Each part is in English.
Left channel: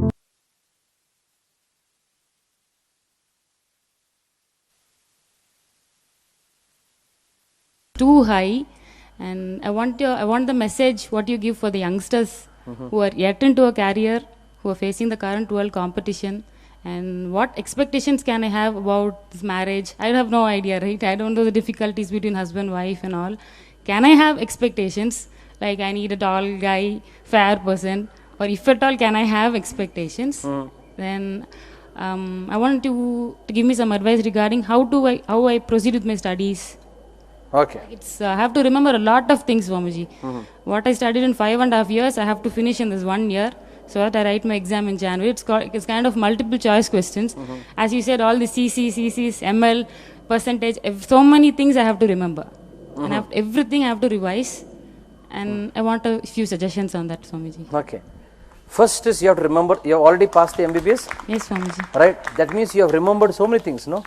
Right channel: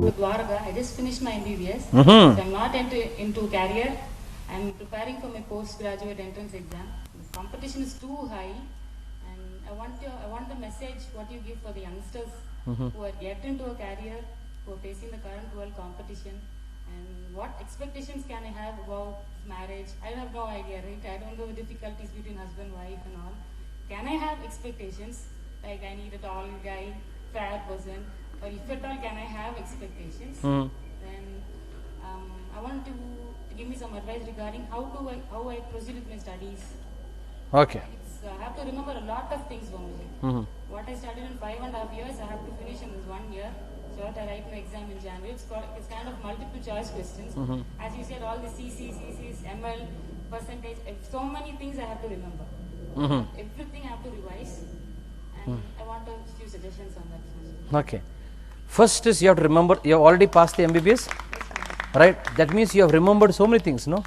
Dwarga. I just finished my MBBS. Mm-hmm. So I'm not into career. I'm preparing for my postgraduate entrance exam. The competition is too high, and I want the message what you give for the youngsters who are yet into a career, who are facing the current world competition, and what expectations can I have about this marriage? I have no idea, right? I don't know the difficulties between husband, wife, and all. Can I have expectations like I need a tall guy, fair person, or if at all can I have expectations? Then I want to give me some advice regarding how I proceed with my studies. Okay. It's I have to remember a lot of things, Swamiji. What I studied in 5.5 years, I have to finish in this 1 year, so that I write my exam in January. It's kind of multiple choice questions. As you said, all the CCs, ML, percentage, so many things I have to remember. And everything I have to revise. And I want a few suggestions on that, Swamiji. Okay. First is you have to remember, you have already passed the MBBS, Yes, Swamiji. right? That means you have remembered so many things, no?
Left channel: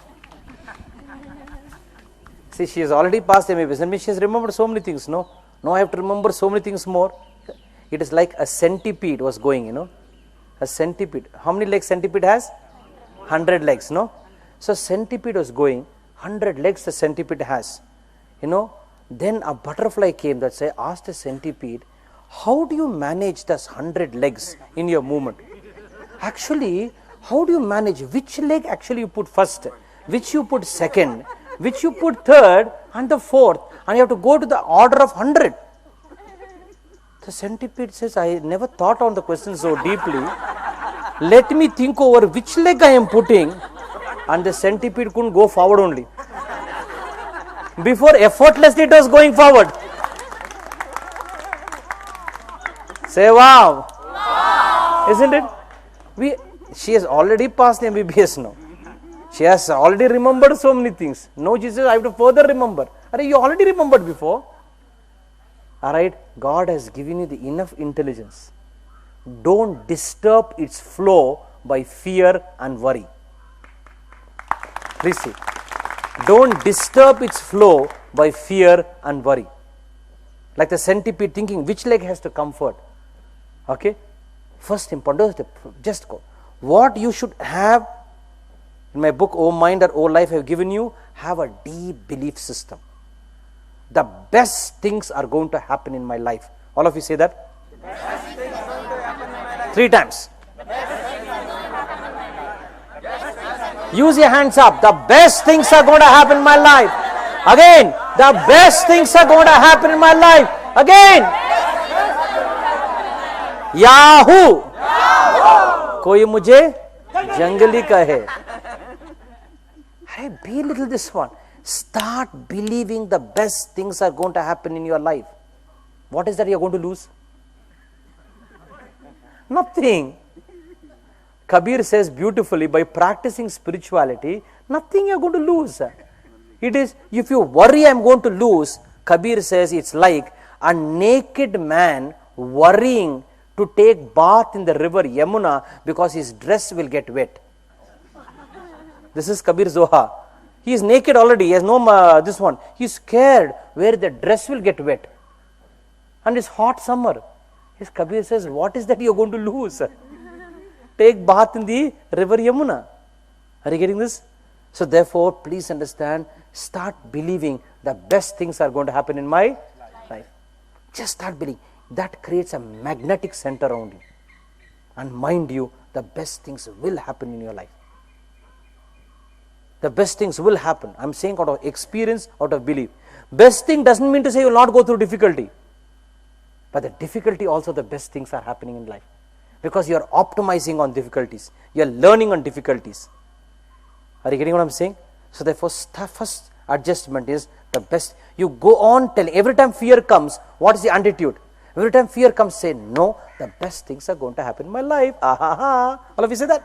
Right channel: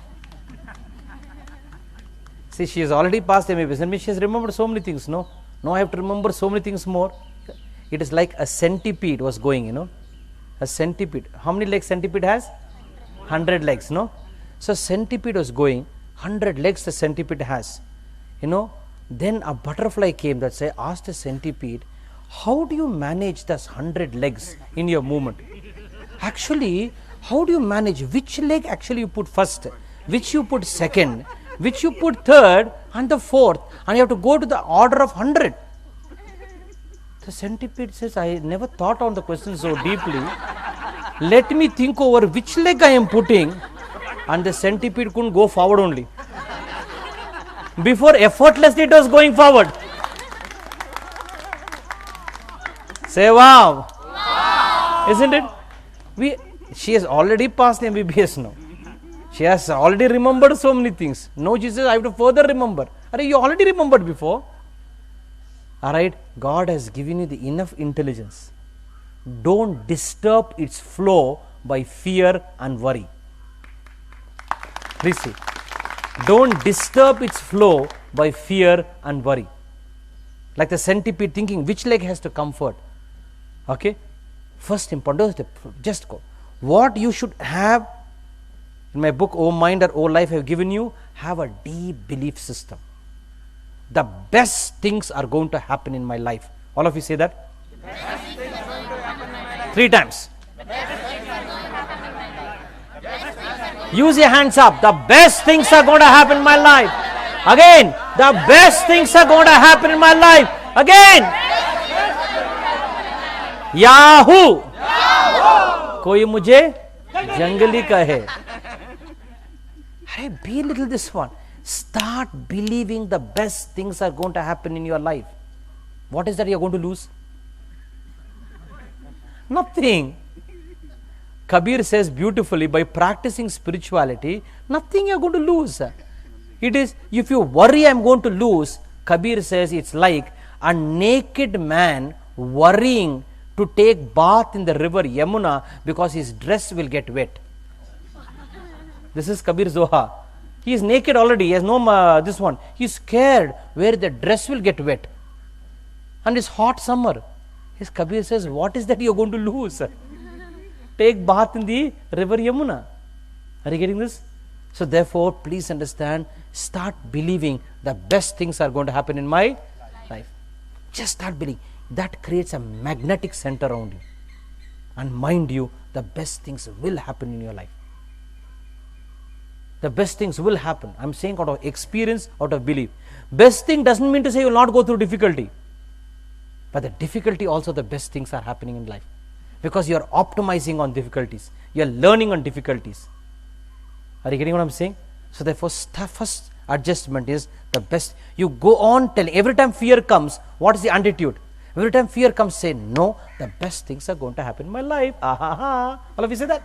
See, she has already passed the MBBS. That means she has remembered so many things, no? Now I have to remember so many things more. It is like a centipede was going, a centipede. How many legs centipede has? 100 legs, no? So centipede was going, 100 legs the centipede has. Then a butterfly came that asked the centipede, how do you manage this 100 legs in your movement? Actually, how do you manage which leg actually you put first, which you put second, which you put third and the fourth, and you have to go to the order of 100. The centipede says, I never thought on the question so deeply. Let me think over which leg I am putting, and the centipede couldn't go forward only. Before, effortlessly it was going forward. Say wow. Wow. Isn't it? She has already passed MBBS now. She has already remembered so many things. Now she says, I have to further remember. You already remembered before. Alright, God has given you the enough intelligence. Don't disturb its flow by fear and worry. Please see. Don't disturb its flow by fear and worry. Like the centipede thinking which leg has to comfort. Okay? First important, just go. What you should have, in my book, O Mind or O Life I have given you, have a deep belief system. The best things are going to happen in my life. All of you say that? 3 times. Use your hands up. The best things are going to happen in my life. Again, the best things are going to happen in my life. Again. Yahoo! कोई मुझे जंगली कहे. Hey, be a little this one. Start believing the best things are going to happen in your life. What is that you are going to lose? Nothing. Kabir says beautifully, by practicing spirituality, nothing you are going to lose. It is, if you worry I am going to lose, Kabir says it's like a naked man worrying to take bath in the river Yamuna because his dress will get wet. This is Kabir Zoha. He is naked already, he has no this one. He is scared where the dress will get wet. And it's hot summer. His Kabir says, what is that you are going to lose? Take bath in the river Yamuna. Are you getting this? So therefore, please understand, start believing the best things are going to happen in my life. Just start believing. That creates a magnetic center around you. And mind you, the best things will happen in your life. The best things will happen. I am saying out of experience, out of belief. Best thing doesn't mean to say you will not go through difficulty. But the difficulty also, the best things are happening in life. Because you are optimizing on difficulties. You are learning on difficulties. Are you getting what I am saying? So therefore, first adjustment is the best. You go on telling, every time fear comes, what is the attitude? Every time fear comes, say, no, the best things are going to happen in my life. All of you say that?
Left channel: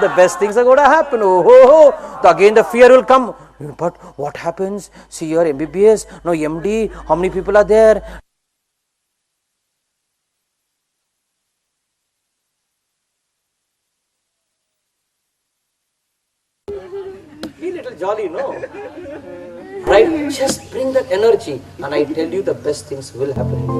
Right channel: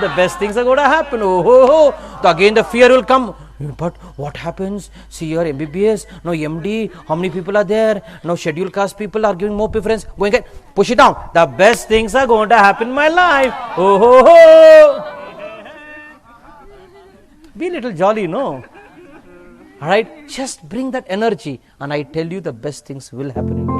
The best things are going to happen. So again the fear will come. But what happens? See your MBBS, no MD, how many people are there? No scheduled caste people are giving more preference. Go and push it down. The best things are going to happen in my life. Be a little jolly, no? Right? Just bring that energy and I tell you the best things will happen in your life.